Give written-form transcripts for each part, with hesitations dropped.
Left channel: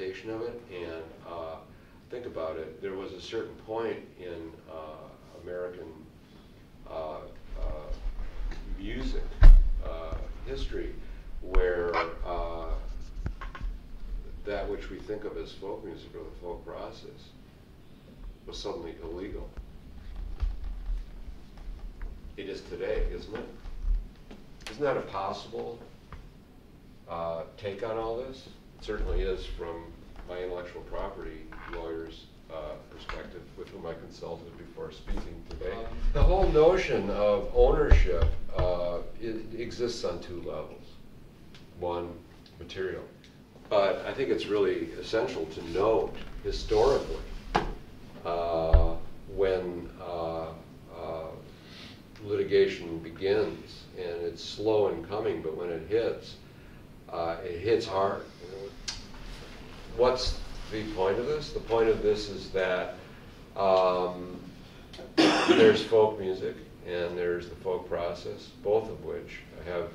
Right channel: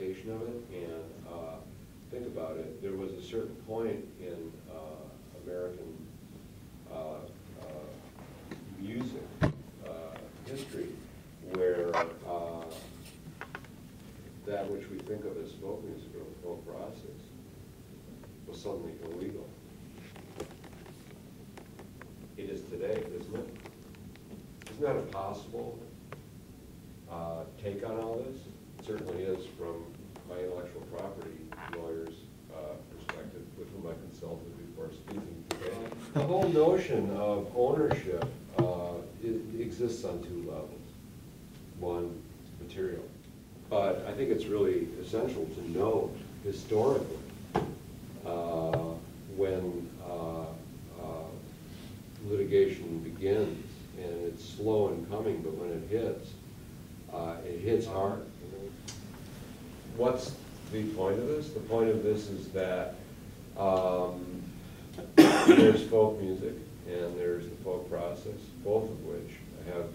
adaptation of it. And think about it, there was a certain point in American music history where that which we think of as folk music or the folk process was suddenly illegal. It is today, isn't it? Isn't that a possible take on all this? It certainly is from my intellectual property lawyer's perspective, with whom I consulted before speaking today. The whole notion of ownership it exists on two levels. One, material. But I think it's really essential to note historically when litigation begins, and it's slow in coming, but when it hits hard. What's the point of this? The point of this is that there's folk music and there's the folk process, both of which have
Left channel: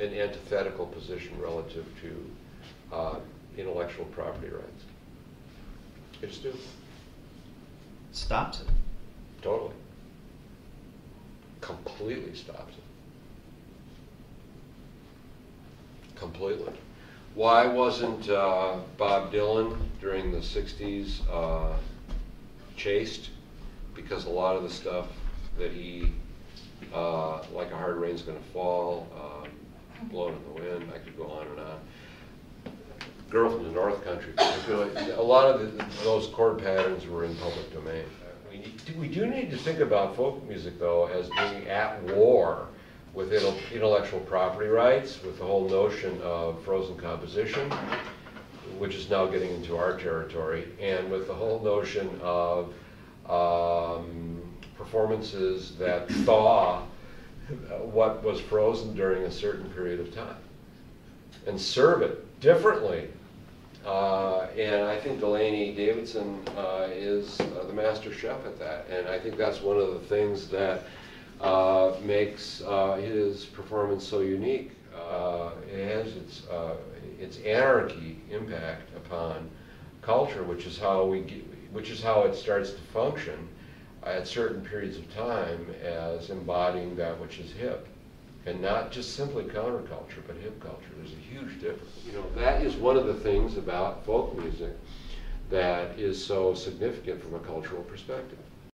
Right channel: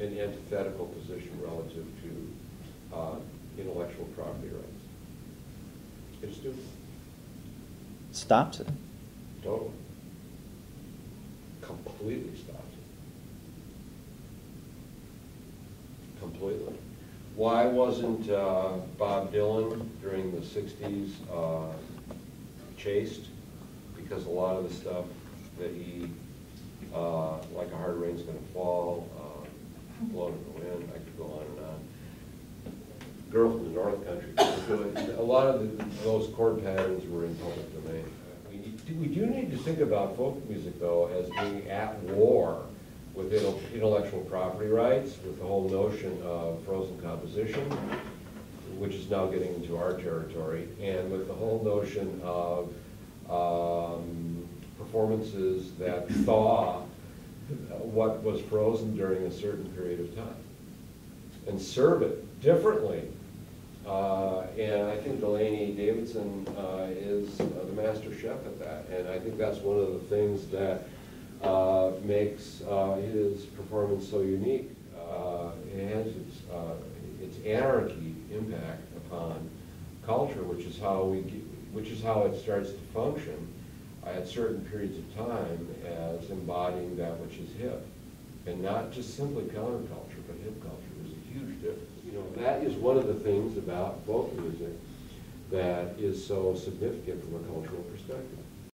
an antithetical position relative to intellectual property rights. They just do. Stops it. Totally. Completely stops it. Completely. Why wasn't Bob Dylan during the 60s chased? Because a lot of the stuff that he, like A Hard Rain's Gonna Fall, Blown in the Wind, I could go on and on. Girl from the North Country, a lot of those chord patterns were in public domain. We do need to think about folk music, though, as being at war with intellectual property rights, with the whole notion of frozen composition, which is now getting into our territory, and with the whole notion of performances that thaw what was frozen during a certain period of time and serve it differently. And I think Delaney Davidson is the master chef at that, and I think that's one of the things that makes his performance so unique. It has its anarchy impact upon culture, which is how it starts to function at certain periods of time as embodying that which is hip, and not just simply counterculture, but hip culture. There's a huge difference. You know, that is one of the things about folk music that is so significant from a cultural perspective.